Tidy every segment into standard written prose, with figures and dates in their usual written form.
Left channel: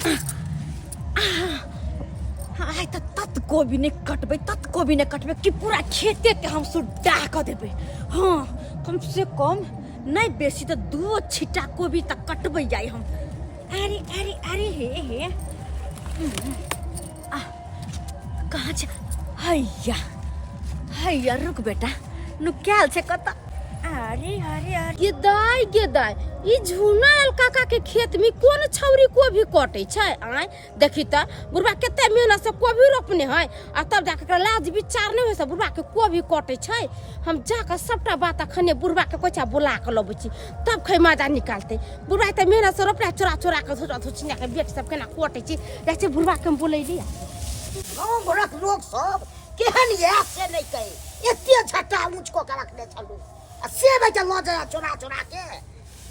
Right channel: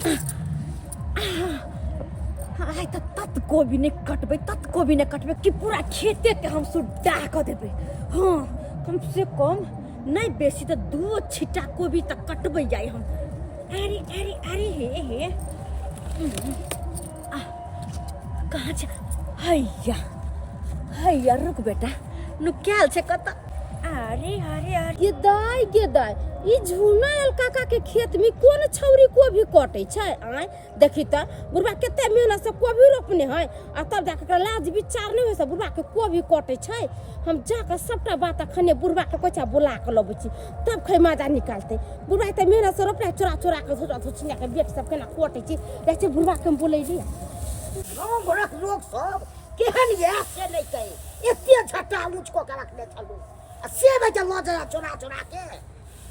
आइ त तत कोबी ने कटबै कि पूरा खेते के हम सुड्डा क देबै। हाँ कम से कम नहीं बेसी तो 2 छिटा कोबी तक कटबै जाए हम। अरे अरे अरे हे कहाँ छ हैया हैया रुक बेटा नु क्याल छ कता। अरे अरे अरे गेदाई ई झुनाल काका के खेत में कोन छौरी कोबी कटै छै। आय देखी त बुढ़वा केते मेहनत से कोबी रोपने है आ तब जाके लाज विचार नहीं होय से बुढ़वा के कोबी कटै छै। हम जाके सबटा बात अखने बुढ़वा के कोचा बुला के लबै छी तब खै मजा निकालते। बुढ़वा त मेहनत से रोपला चोरा के छोटा के बेट सब केना कटै छी जैसे बुढ़वा के बोलै लिया। गाँव घरक लोग सब केहन ये से नहीं कहे एते झट्टा ऊंच को के रखने चलू आ से बेटा ल जा चोरा के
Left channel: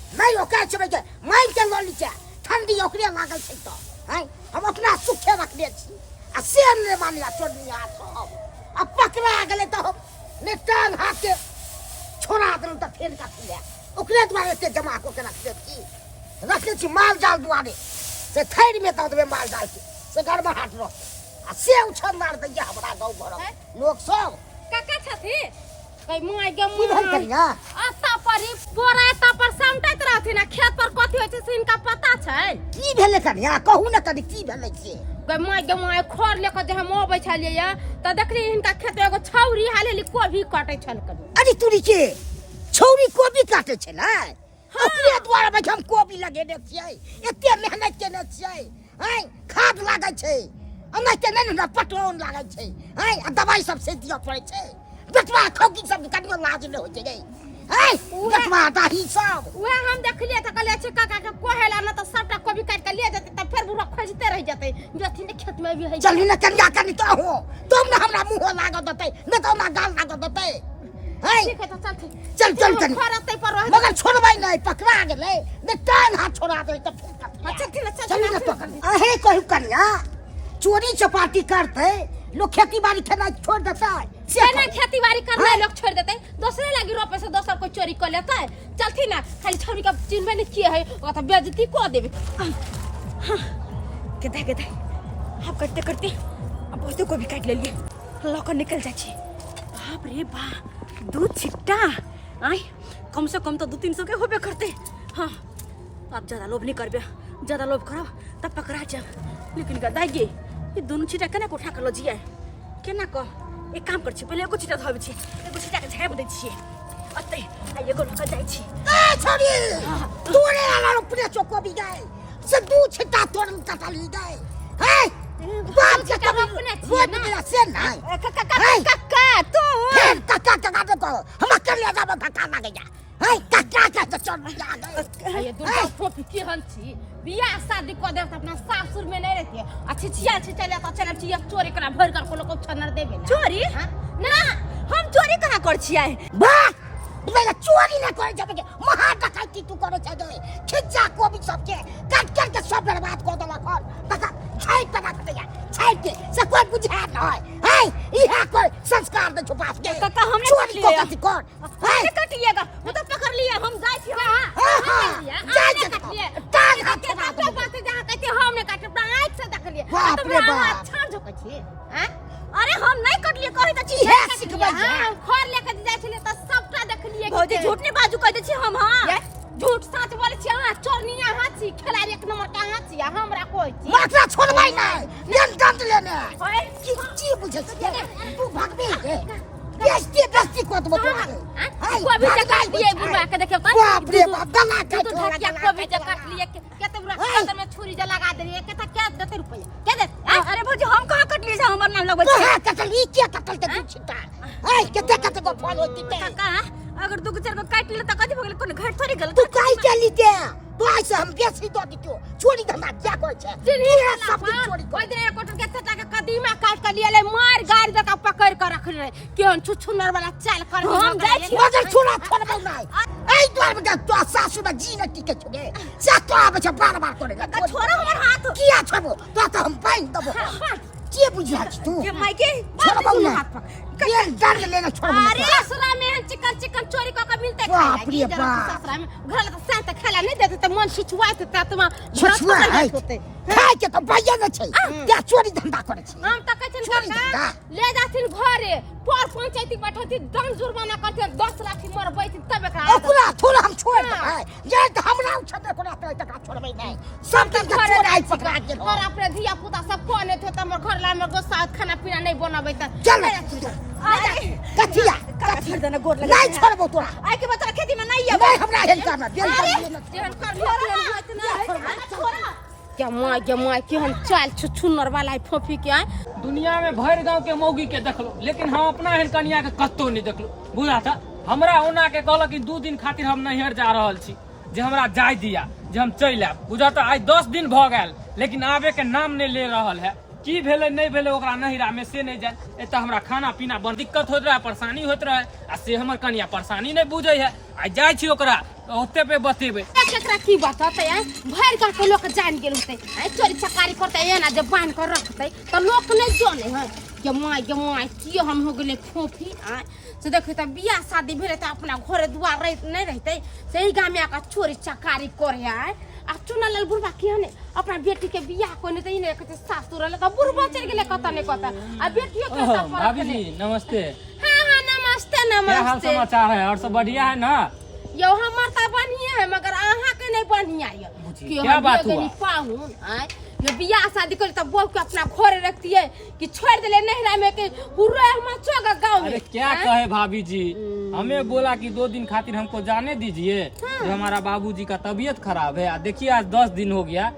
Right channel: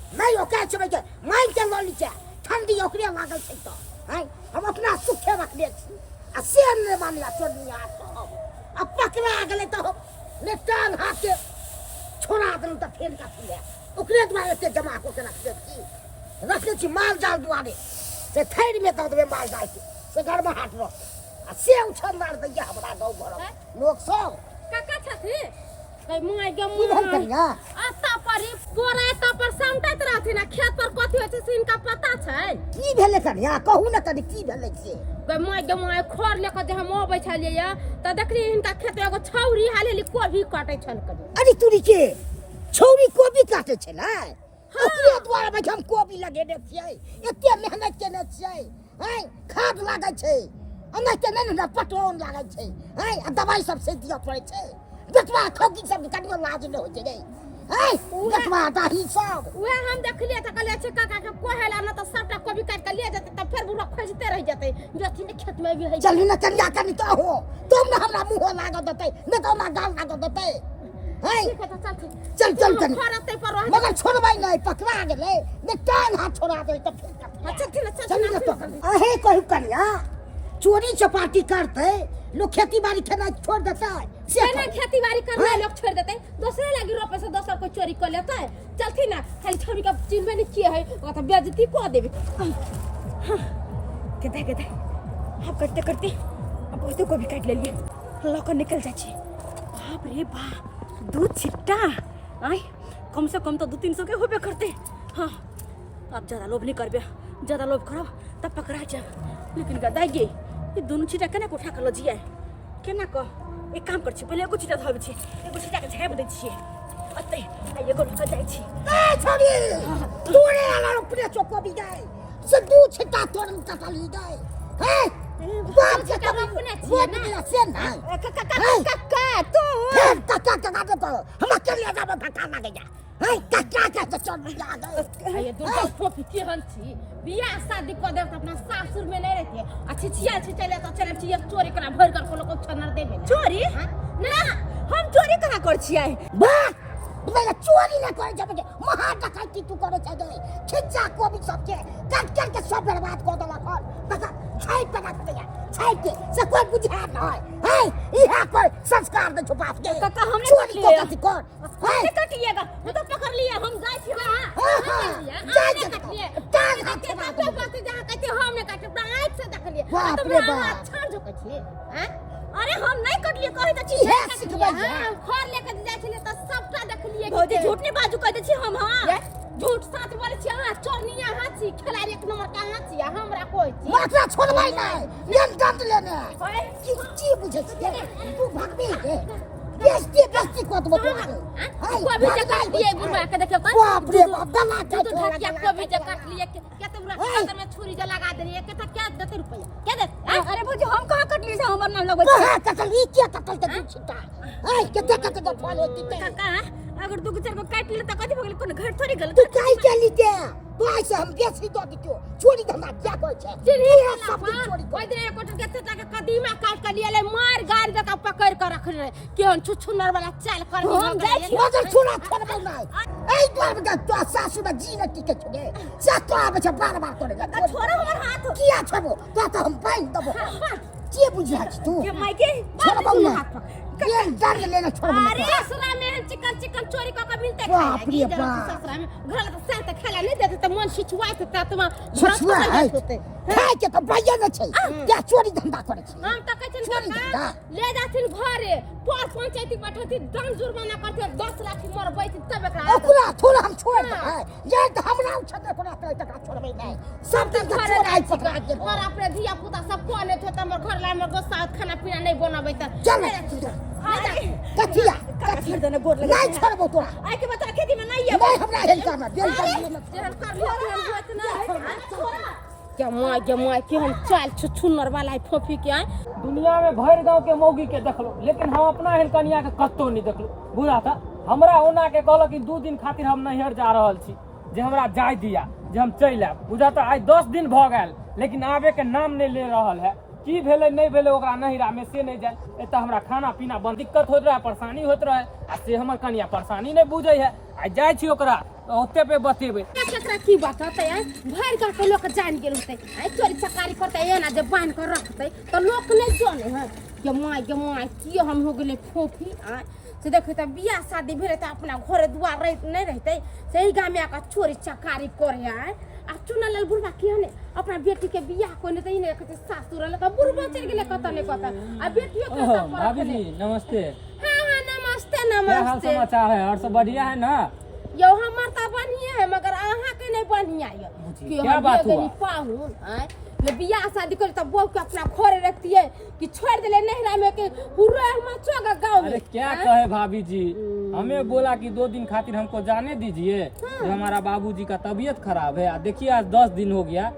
नहीं ओके छै बेटा माइन के ल लीचा ठंडी ओकरे लागल छै त हैं हम अपना सुखे रखने छी आ से ने मानिया चोरिया सब अब पकड़ा गेले त हम ने टांग हाथ के छोड़ा देन त फेर का पिया ओकरे द्वारा से जमा को के रखने छी माल जाल दुआरे से थैर में त देबे माल जाल के से घर में हाट रो से उछल मार दैया हमरा गाँव घर लोग सब काका छथि कई माय गे बुझल करिया आता परी बोरा ता पर समटत रहथिन आ खेत पर कथि होय छै से इनका पता छै की भेले करिया कहू न कनी की भेले से गई माय खर लेके जे हम आबै छलिए या त देखली इनका खेत में एगो छौरी हालेली कोबी काटै छल कनी। अरे तुरी के छौरी कोबी काटे छै ना ओकरे द्वारा में हम कोबी लगेने छियै एते मेहनत केने छियै हैं खाद लागै छै अन्ना के नहीं ना पटवन लागै छै हैं दवाई सब से दिया पड़ै छै बेटवा खौकी सब कनियो लाज न होय छै हैं बेटवा दाही सब वे हम देखलिए त कहले छै काका के कोहेला न त सबटा कोबी काट के ले जेते त फिर बुढ़ा खोजते रह जेते जथि ने खेत में भी है चल न कनिया कनी तो हो तुम न हमरा मुंह लागत देते न तो ना गाल लागत देते हैं ठीक है त चल कनी खरते पर रह मगर छोड़बै नहीं पकड़ा गेले ने टांग हाथ छोड़ा दे त फिर चल न पकड़ अहे कहू कनिया चोरी चपाटी करते लोग खेती बाड़ी करना छोड़ देता है से ना खेती बाड़ी करना लोग छोड़ देते दूसरे लगी रोपे से दूसर कोई चोरी कर लेता है चलती ना खाली छौरी का चिन्ह नहीं किए है वो तो बेइज्जती को देबे। के हम करते अब बहुते को भी काट ले लिए लौक निकल जाए छी बाप रे बा 2 छिट्टा आई कम से कम तो 200-300 के होबे करते। हाँ अब ज्यादा लोभ नहीं करबे ज्यादा लोभ करो तब पकड़ा जाओ लेकिन गदाई गे ये दोनों छिटा केना को उठा के ल जिया केना को एक काम कर छी पहले एगो छिटा धबै छी एगो छिटा के झाप दै छी अतै आ एगो लक जाय छी ए छोरी तोरे आला अपने चोको भी गए से 2 छिटा तोड़ कटली गए हैं बाप के कब अपने छी ना से नहीं काका तो काका तो हम कर ले जाबे धक्का लागे जा हैं काका तो चढ़ गया ये दुर्गा फोफी के हन छी बियाह शादी को दे अपना सासुर में नहीं रहती अच्छी चले तो चले छी चोरी करा भर कर को लोग छनर देबे ना चोरी ना हम चोरी कहां कर छियै वाह मेरा चोरी ना करे जब के महा डकैती तू करे छ दे खिच्चा को भी सबके काट के सब बर्बाद कर देला कर बता छाई पका दिया छाई के से कोई बुझा न है इहा कोई संस्कार दे छुपा के काका हमने चोरी लिया कर हमने कट लिएगा वो तो पकड़ लिए हम जाय छी हां जाय कट लिए टांग हाथ के बात जहां कहते हमने काट आंख से देख लिए बाप रे बाप छाड़ जो कहछी हैं अरे हम नहीं कट लिए कहि त छी हां खर लेके जाय छले त सबटा देख लिए भौजी झूठ नहीं बाजू कह दे छी हम हां झूठ सच बोले छी हां चोरनिया हां छी खिलाड़ी 1 नंबर का हां छी हमरा कोई छी मात्रा छोड़बै नहीं नियम दंड लेने की बुझे छी तू भागबे के बेस्ती को तो बता कोबी के काट दिए बुढ़वा के देखियो बाप रे बाप गला तो ढकिया कोबी के काट लिए के तो बुढ़वा अंदर में छुरी जा लगा दे के त क्या देते रुपया क्या दे अरे भौजी हम कहां कट लिए हमर नाम लगबै कहां कटल ई क्या कटल के दू छिटा कते को फॉलो होती काका अगर 2-4 को काट ले त कथि भ गेल कोन घर थोड़ी गल तू काई चली ते तो ऐसे हम बेसी दो दियो चोरी धंधा क्या कोई छे सब चोरी कोई दिन कोटर के तटा के कदीमा काट के लिए ले मार गाड़ी जका पकड़ के रख रहे केहन छुछुनर वाला चाल कर हम जाय छी मगर छोड़ा छोड़बै नहीं ए द्वार में तो सासु में जी न टिके छे चाका आबे छ बार करेगा छोड़ो हमर हाथ किया छबो तो हम पाइन दबो के बुझा छ तू के मायके छोड़बौ ना ये दर्द लेना छोड़ अरे ससुरा में चिकन चिकन चोरी का मिलते बाप रे बाप ससुरा में घर में साथ खाला नहीं देते तो मन छिछुआते त तुम छछुआ होते खाए के तो भैया न छै क्या चोरी धंधा करे छै हम त कहै छन काका ले जाथिन घरे पर पंचायती बैठती दंड जुर्माना करते 10 लाख मर बैठती तब एकरा पूरा थोड़ा हम छोड़ दे जे त हमरा उछते कोना तक छोड़बै नहीं सब तक घर आई पकड़ा के और अपने धिया पुता सब कोने थे त हमर घर ला में गोसा खाना पीना नहीं बनबै त चल कथिया कथि देना गोड़ लगे नहीं छोड़बो तोरा आइ के बता खेती में नहीं नहीं हमरा हेल करना जेहन कर होत ना क्या माय केहन चाल छुन्नर वाला है फोफी के आए दुनिया में भर गांव के मौगी के देखलो लेकिन हम अपना एहन कनिया के कत्तो नहीं देखलो बुझा था हमरा ओना के कहलो कि 2 दिन खातिर हम नैहर जा रहल छी जे हमरा जाय दिया जे हम चल आब बुझा था आज 10 दिन भ गेल लेकिन आबे के नाम नहीं ले रहल है की भेले नहीं भेले ओकरा नहिरा में से नहीं जाय एत हमरा खाना पीना बन दिक्कत होत रहे परेशानी होत रहे आ से हमर कनिया परेशानी नहीं बुझै है आ जाय छी ओकरा ओते पे बतेबे केकरा की बात होते है भर गांव के लोग जान गेल होते आई चोरी चकारी करते है ना जब बांध कर रखते तो लोग नहीं जाने है के माय की हम हो गेले फोफी आ से देखै त बियाह शादी भेले त अपना घरे दुआर रह नहीं रहते सही गांव में आका चोरी चकारी करे है आ चुनालाल बुढ़वा किहने अपना बेटी के बियाह कोने त इने कहते सासुर ले त बुढ़वा चल गेले कत ने कत आ बेटियो के त भाभी जी नमस्ते हां नमस्ते क्या हाल समाचार है और सब बढ़िया है ना यो हमर त बढ़िया है मगर अहाँ के नहीं बढ़िया है क्या बात हुआ पाहुन आय ये बियाह शादी कर तब बहू के अपना घरे रखती है कि छोड़ देले नहिरा में के हुरो हम चोगा गांव में अरे क्या कहे भाभी जी हमें बोला कि 2 दिन खातिर हमको जाने दीजिए जो हमारा बाबूजी का तबीयत खराब है देखिए आज 10 दिन हो गया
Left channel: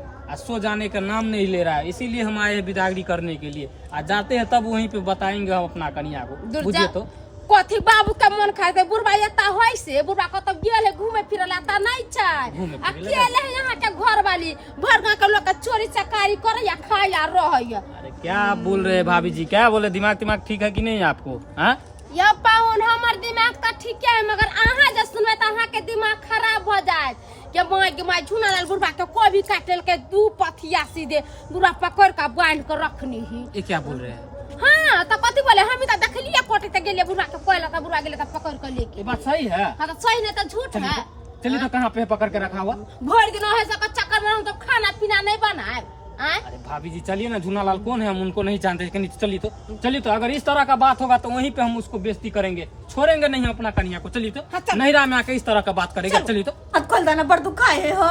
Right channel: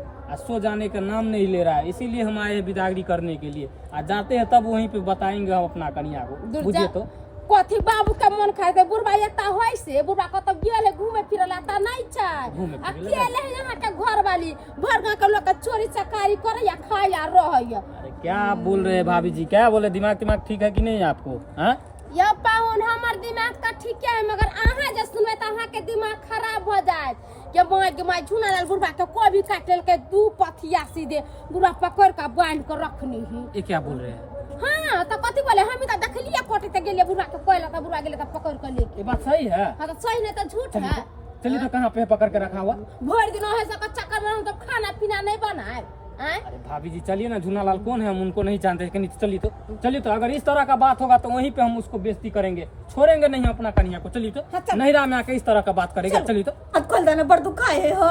सो जाने का नाम नहीं ले रहा है इसीलिए हम आए बिदागरी करने के लिए आज जाते हैं तब वहीं पे बताएंगे हम अपना कन्या को बुझे तो कथी बाबू का मन खाए दे बुढ़वा एता होय से बुढ़वा कतब गेल है घूमे फिरे ला ता नहीं चाय अकेले है यहाँ के घर वाली भर गांव के लोग का चोरी चकारी करे या खाए या रहे अरे क्या बोल रहे हैं भाभी जी क्या बोले दिमाग ठीक है कि नहीं आपको हाँ या पाहुन हमर दिमाग त ठीक है मगर अहाँ जे सुनबे त अहाँ के दिमाग खराब हो जाए के माय झुनालाल बुढ़वा के कोई भी काटल के 2 पथिया सीधे बुढ़वा पकड़ के बांध कर रखनी ही ये क्या बोल रहे हैं हां त कथि बोले हम त देखलिए कोटे त गेले बुढ़वा के कोइला त बुढ़वा गेले त पकड़ के लेके ये बात सही है हां त सही नहीं त झूठ है चलिए तो कहाँ पे पकड़ के रखा हुआ भर दिन है सब चक्कर में हम तो खाना पीना नहीं बनाए अरे भाभी जी चलिए ना झूनालाल कौन है हम उनको नहीं जानते चलिए तो अगर इस तरह का बात होगा तो वहीं पे हम उसको बेइज्जती करेंगे छोड़ेंगे नहीं अपना कन्या को चलिए तो नहिरा में आके इस तरह का बात करेगा चलिए तो अब कल दाना बड़ दुखाए हो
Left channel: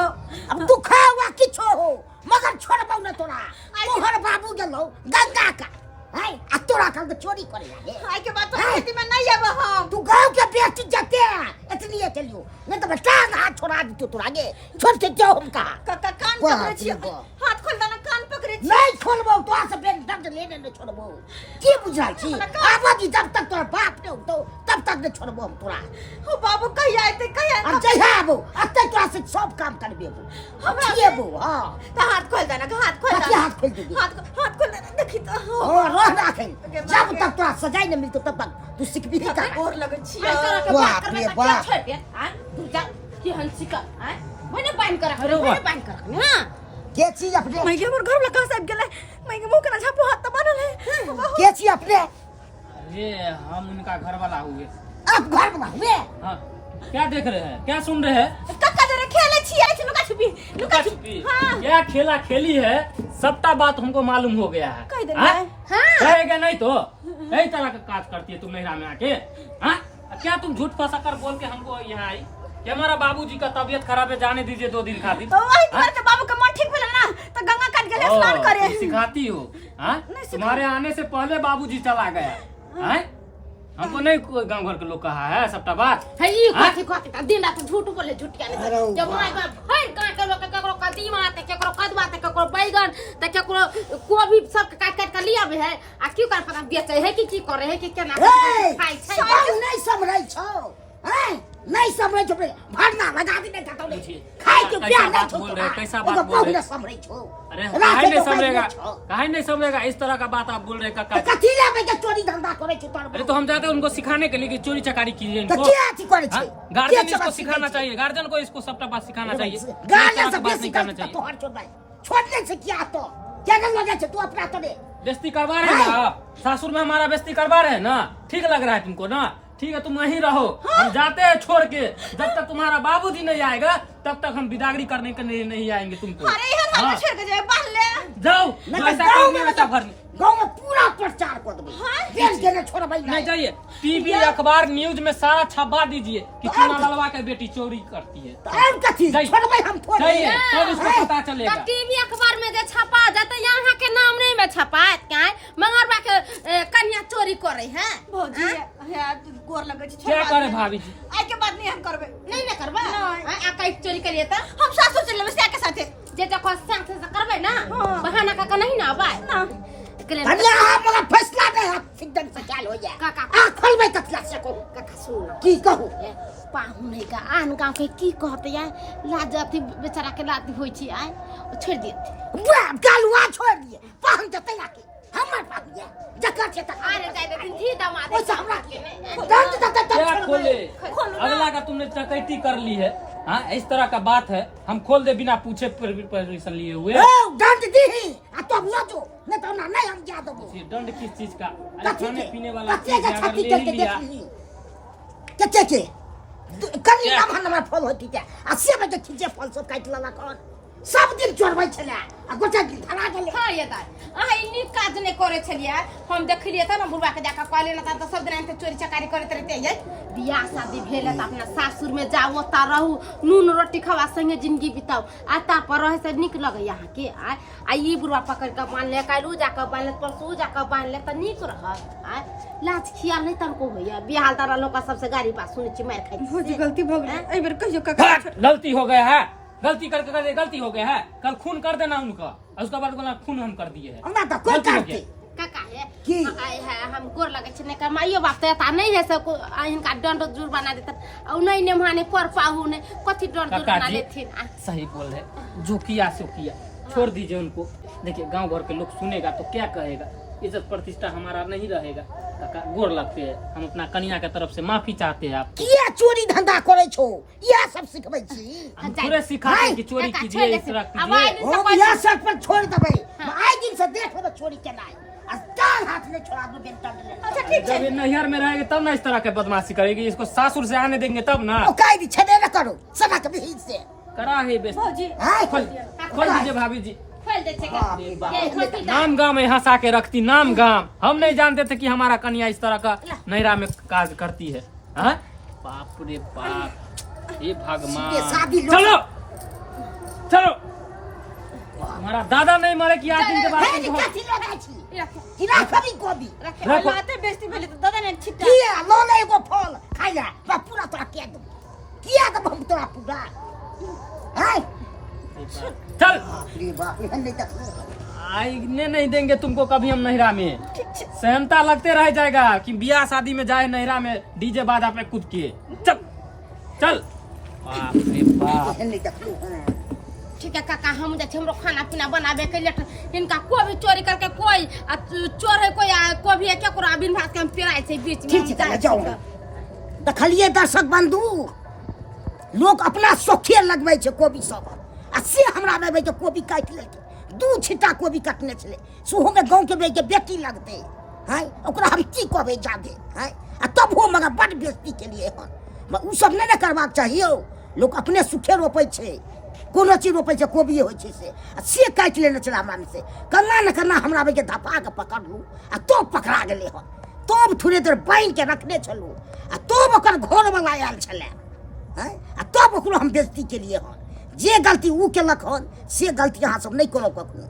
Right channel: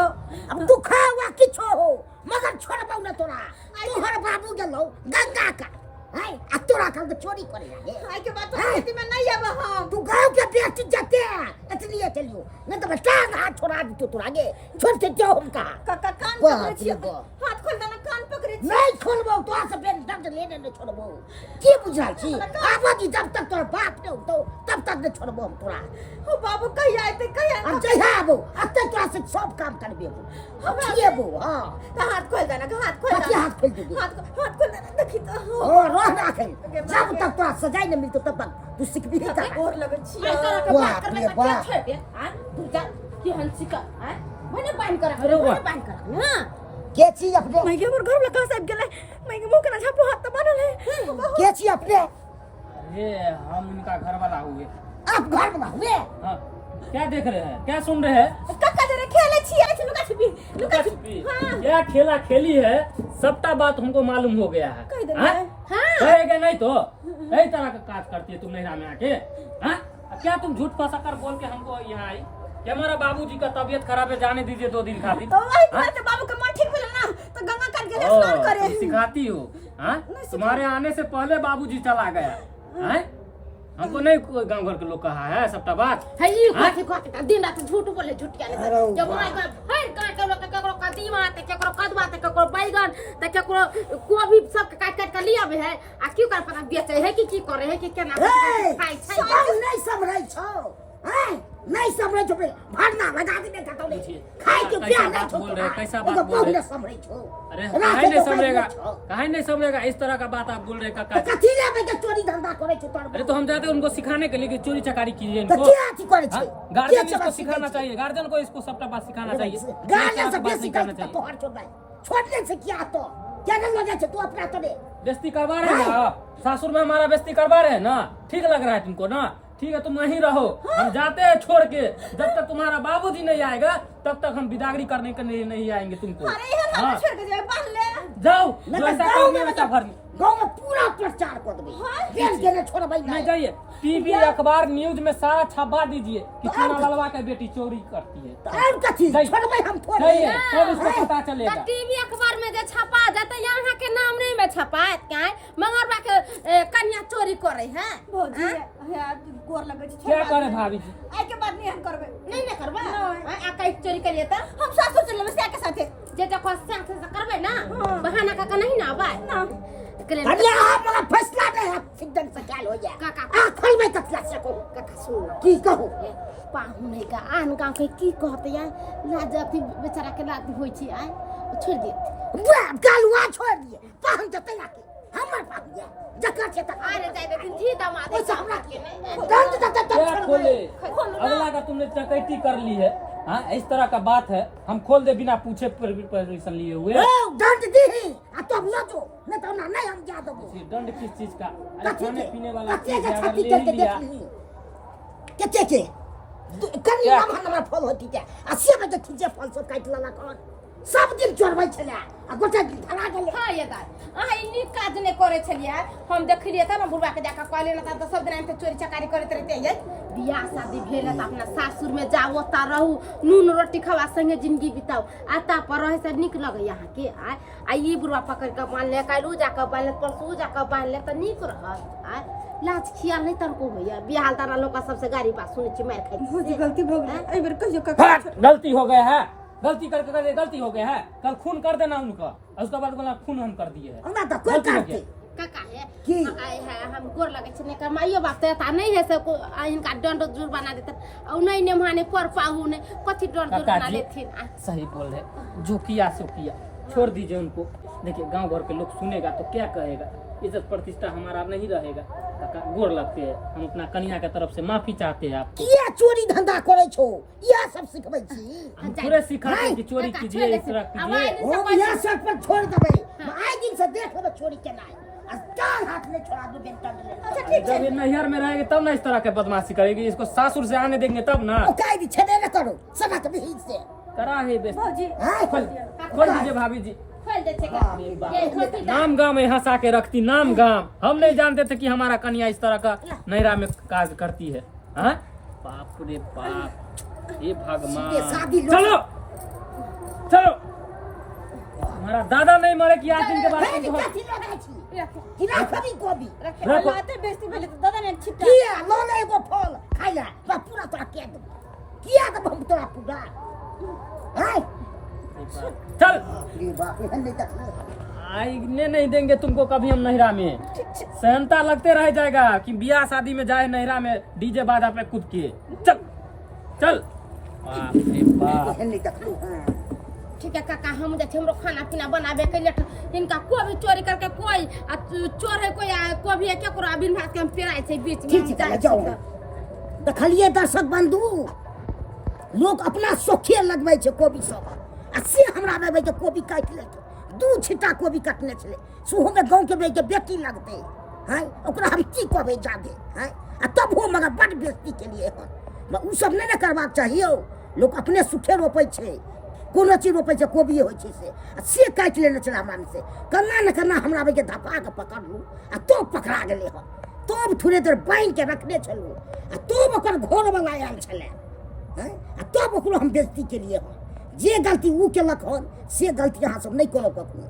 अब दुखाया हुआ किछो हो मगर छोड़बौ न तोरा तोहर बाबू गेलो गंगा का है आ तोरा कल चोरी करे लागे आइ के बात तो खेती में नहीं आब हम तू गांव के बेटी जते इतनी चलियो नहीं तो टांग हाथ छोड़ा दी तोरा आगे छोड़ के जाओ हम का काका कान पकड़े छी हाथ खोल दाना कान पकड़े छी नहीं खोलबौ तो आ सब दर्द लेने न छोड़बौ की बुझाई छी आबादी जब तक तोर बाप ने तो तब तक न छोड़बौ हम तोरा हो बाबू कहिया आते कहिया अब जइहा आबो अते तोरा से सब काम करबे हम किएबो हां तो हाथ खोल दाना हाथ खोल हाथ खोल दाना देखी तो राखे जब तक तोरा सजाई न मिलतो तब तक तू सिखबी का और लगे छी बाप रे बाप छोड़ दे हां तू जा की हंसी का हां मैंने बांध कर हां के छी अपने मैं हमर घर में कहां से गेले मैं मुंह के ना छापो हाथ त बनल है के छी अपने अरे हम उनका घर वाला हुए आप घर वाला हुए हां क्या देख रहे हैं क्या सुन रहे हैं कक्का जरे खेले छी आई लुका छुपी हां क्या खेला खेली है सबटा बात हमको मालूम हो गया है कह दे हां कहेगा नहीं तो यही तरह का काज करती है तुम नहिरा में आके हाँ क्या तुम झूठ फंसा कर बोल के हमको यहाँ आई कि हमारा बाबूजी का तबीयत खराब है जाने दीजिए 2 दिन खातिर तो वही तुम्हारे के बाबू का मन ठीक भेल ना तो गंगा काट के स्नान करे सिखाती हो हाँ तुम्हारे आने से पहले बाबूजी चला गया हैं हमको नहीं गांव घर के लोग कहा है सबटा बात है ई कथि दिन रात झूठ बोले झूठिया नहीं जब माय बाप हर गांव के लोग ककरो कदीमा ते ककरो कदवा ते ककरो बैगन ते ककरो कोबी सब काट के लिया बे है आ क्यों कर पता बेचे है कि करे है कि केना खाई छै नहीं समझै छौ हैं नहीं समझै छौ भरना लगा दे नहीं कतौ नहीं खाई के प्यार नहीं छौ बोल रहे कैसा बात बोल रहे समझै छौ अरे काहे नहीं समझेगा इस तरह का बात आप बोल रहे काका कथि लेबे के चोरी धंधा करे छौ तोर अरे तो हम जाते हैं उनको सिखाने के लिए कि चोरी चकारी कीजिए तो क्या अथी करे छै गार्जियन इसको सिखाना चाहिए गार्जियन को इसको सबटा बात सिखाना चाहिए गार्जियन सब सिखाना चाहिए तोहर छोड़ छोड़ने से क्या तो क्या करना चाहते तू अपना करे बेइज्जती करवा रहे हैं ना, सासुर में हमारा बेइज्जती करवा रहे हैं ना, ठीक लग रहा है तुमको ना? ठीक है, तुम वहीं रहो, हम जाते हैं छोड़ के। जब तक तुम्हारा बाबूजी नहीं आएगा तब तक हम बिदागरी करने के लिए नहीं आएंगे तुमको। अरे यार हम छोड़ के जाए बाहर ले जाओ, नहीं, जैसा गाँव करनी में वैसा भर। गाँव में पूरा प्रचार कर देंगे बेच के न छोड़ भाई नहीं जाइए, टीवी अखबार न्यूज में सारा छपवा दीजिए कि चूना ललवा के बेटी चोरी करती है। तो और कथी नहीं। छोड़ भाई हम थोड़े जाइए, तब उसको पता चलेगा। टीवी अखबार में जे छपा जाता यहाँ के नाम नहीं में छपा क्या मंगरबा के कन्या चोरी करे हैं भौजी है गोर लगे छै क्या करे भाभी जी? आई के बाद नहीं हम करबे नहीं ना करबा आ कई चोरी करिए त हम सासुर चले बस के साथे जे देखो संग से करबे ना बहाना का नहीं ना आबा ना कन्या हमारा फैसला नहीं है सिद्धन से क्या हो जाए काका आ खोल भाई कथला से को काका सुन की कहू पाहु नहीं का आन गांव के की कहत या लाज अथी बेचारा के लाज होई छी आय छोड़ दिए वाह गालुआ छोड़ दिए पाहन जते ना के हमर पाहन या जकर से तक अरे जाय देथिन थी दामाद ओइसे हमरा के नहीं दंड तक क्या खोले? खोलो ना। अगला का तुमने चकैती कर ली है। हाँ, इस तरह का बात है, हम खोल दे बिना पूछे परमिशन लिए हुए। ओ दंड दी आ तो न जो नहीं तो ना नहीं हम जा दबो ये दंड किस चीज का? अरे कथी खाने के पीने वाला कथी चीज के है, अगर छाती ले करके ही लिया। देख ली के कन्या क्या? नाम हमर फल होती है आ से बजे खींचे फल सब काट लला कौन सब दिन चोरबै छले आ गोटा दिन धरा गेले हां ये दाई अहाँ इन्नी काज ने करे छलिए हम देखलिए त न बुढ़वा के जाका कहले न त सब दिन त चोरी चकारी करत रहते ये बियाह शादी भेल त अपना सासुर में जाओ त रहू नून रोटी खावा संगे जिंदगी बिताओ आता पर रहे से निक लगे यहाँ के आ ई बुढ़वा पकड़ के मान ले कालू जाका बांध ले परसू जाका बांध ले त निक रहत आ लाज खियाल नहीं तनको होया बिहाल तारा लोग सबसे गाड़ी पास सुने छी मार खाई भौजी गलती भ गेलै एहि बेर कहियो काका गलती हो गया है, गलती करके कर गलती हो गया है। कल खून कर देना उनका, और उसके बाद बोला खून हम कर दिए है। हमरा त कोई गलती हो करते गया। काका है की? आए है हम गोर लगे छने का माइयो बाप त नहीं है सब इनका दंड जुर बना देता और नहीं ने माने कर पाहु ने कथि दंड जुर काका बना जी, लेथिन सही बोल रहे, जो किया सो किया, छोड़ दीजिए उनको। देखिए गांव भर के लोग सुनेगा तो क्या कहेगा, इज्जत प्रतिष्ठा हमारा नहीं रहेगा। काका गोर लगते हैं, हम अपना कन्या के तरफ से माफी चाहते हैं आप। किया चोरी धंधा करे छो यह सब सिखबै छी हम पूरे सिखाते हैं कि चोरी काका, कीजिए, छोड़ इस तरह दे। कीजिए। ओ यह सब पर छोड़ दबै आई दिन से देख ले चोरी केना आ टांग हाथ में छोड़ा दो बेटा ले अच्छा ठीक जब ये नैहर में रहेगी तब ना इस तरह के बदमाशी करेगी, इसको सासुर से आने देंगे तब ना। ओ काई दी छने न करो सना के भी से करा है बेस्ट। भौजी हां खोल दीजिए भाभी जी। खोल दे छेगा बाप रे ये बाप। कथि नाम गाम में हंसा के रखती, नाम गाम। हम नहीं जानते थे कि हमारा कन्या इस तरह का नैरा में काज करती है। हाँ? बाप रे बाप, ये भगवान। ये शादी लोग- चलो चलो, हमारा दादा नहीं मरे कि आज दिन के बाद है तुमको- कथि लगा छी किरा खबी कोबी रखो। लाते बेइज्जती भेले त दादा ने छिट्टा किया लो ले एगो फल खाइला बा पूरा तोरा के दो किया दब हम तोरा पूरा हाय चल, बाप रे बाप एहन नहीं तक आईने नहीं देंगे तुमको कभी हम नैरा में। सहनता लगते रह जाएगा कि बियाह शादी में जाए नैरा में डीजे बाजा पे कूद के। चल चल, बाप रे बाप। एहन नहीं तक ठीक है काका हम जाते हमरो खाना पीना बनाबे के लिए इनका कोई भी चोरी करके कोई चोर है कोई भी है क्या करो बिन भात के हम पिराए छे बीच में ठीक है चला जाऊंगा देखलिए दर्शक बंधु लोग अपना सोखे लगबै छै कोबी सब आ से हमरा में भाई के कोबी काट ले दू छिटा कोबी काटने छले सुहो में गांव के भाई के बेटी लगते हैं ओकरा हम की कहबै जादे हैं आ तब हो मगर बड़ बेइज्जती के लिए हन उ सब नहीं करबाक चाहिए लोग अपने सुखे रोपै छै कोनो चीज रोपै छै कोबी होइ छै से काट लेने छले हमरा में से कन्ना न कन्ना हमरा भाई के धपा के पकड़लू आ तो पकड़ा गेले हन तब थोड़े देर बांध के रखने छलू आ तब ओकर घर वाला आयल छले हैं आ तब ओकरो हम बेइज्जती के लिए हन जे गलती ऊ केलक हन से गलती अहाँ सब नहीं करब कखनो।